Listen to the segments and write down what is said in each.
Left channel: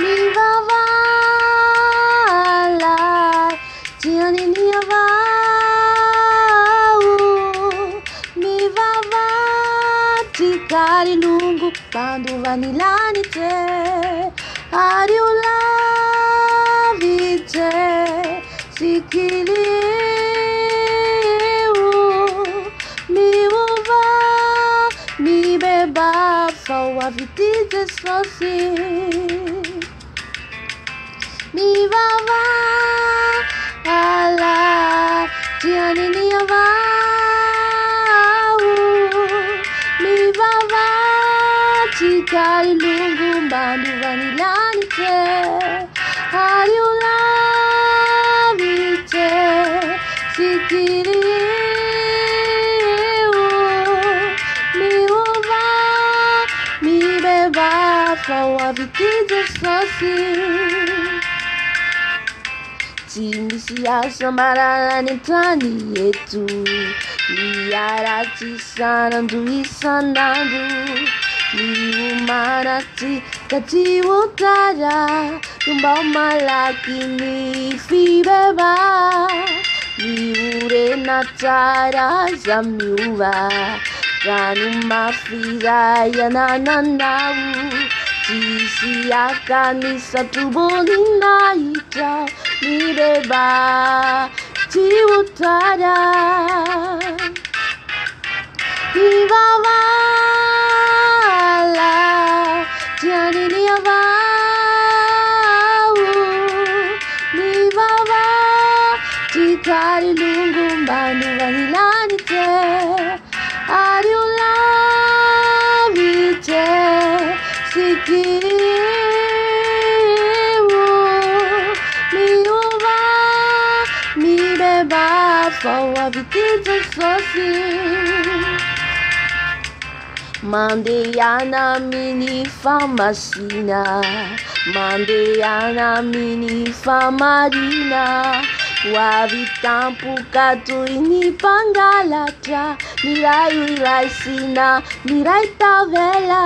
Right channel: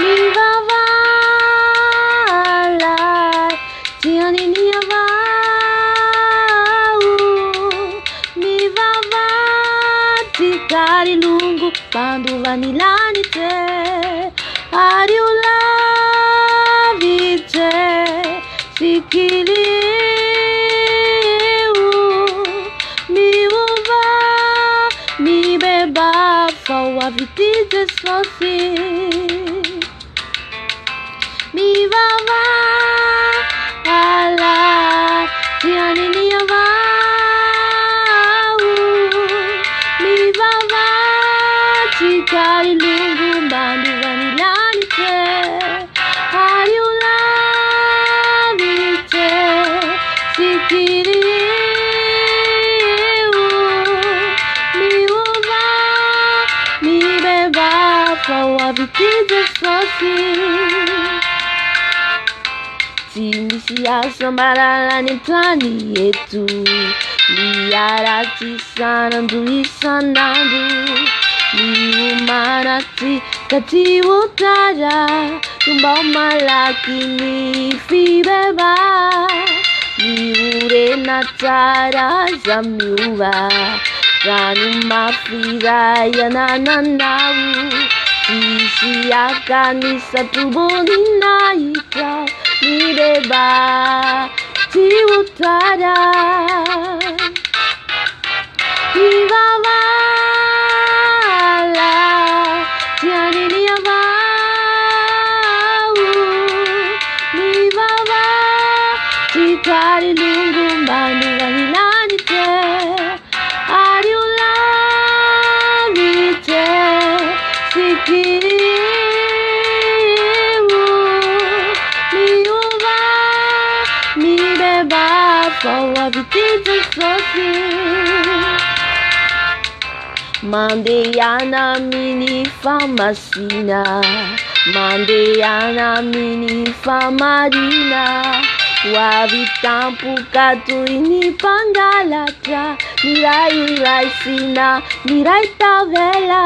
Mibebaha jioni ni Mibebaha tikari lungu pandu vanilani te ariula vite sikili Mibebaha for Avy Jesosy Mibebaha jioni ni Mibebaha tikari lungu bandu vanilani te ariula vite sikiri Mibebaha for Avy Jesosy Timisiasa maralani plani yetu liarati sanandu isanandu liumanati kati utara tumba malaki ni Mibebaha liure natara zamiuva Kanu mafira ya nananawu Sisi akani satu bolina ita Mibebaha ti utara Mibebaha jioni ni Mibebaha tikari lungu bandu vanilani te ariula vite sikiri Mibebaha for Avy Jesosy Mandeana mini famasina Mandeana mini famarina Wavi tampu katu ini pangalatra Mirai sina mirai tavela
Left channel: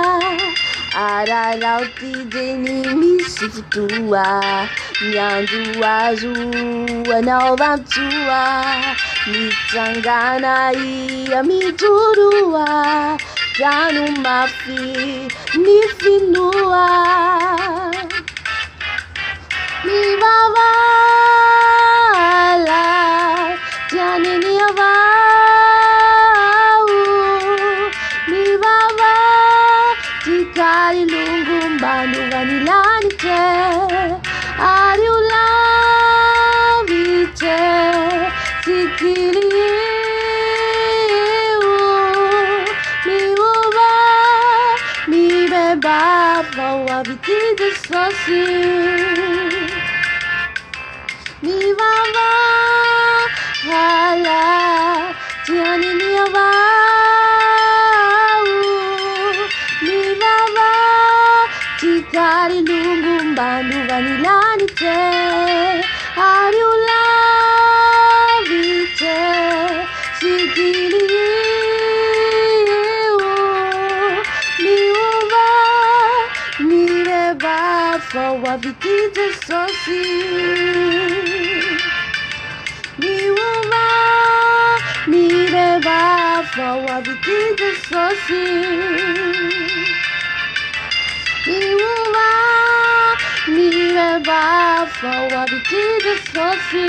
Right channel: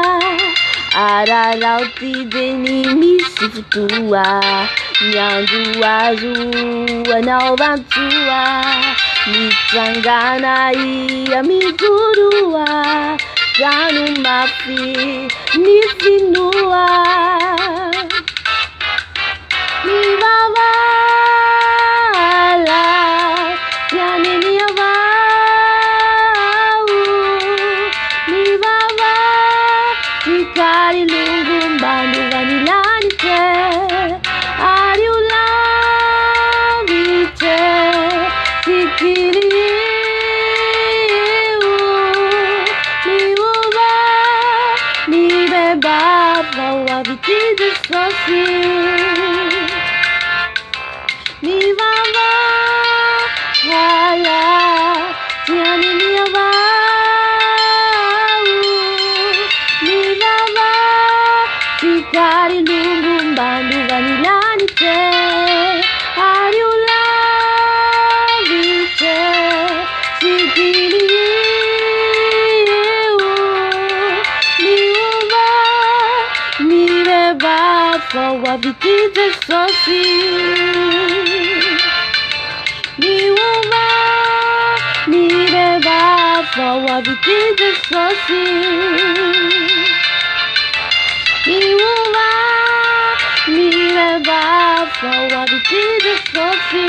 Ararauti deni misifutua Nyandu azua na ovantua Mitangana ia miturua Janu mafi nifinua Mibebaha jioni ni Mibebaha tikari lungu bandu vanilani te ariula vite sikili Mibebaha for Avy Jesosy Mibebaha jioni ni Mibebaha tikari lungu bandu vanilani te ariula vite sikili Mibebaha for Avy Jesosy Mibebaha for Avy Jesosy Mibebaha for Avy Jesosy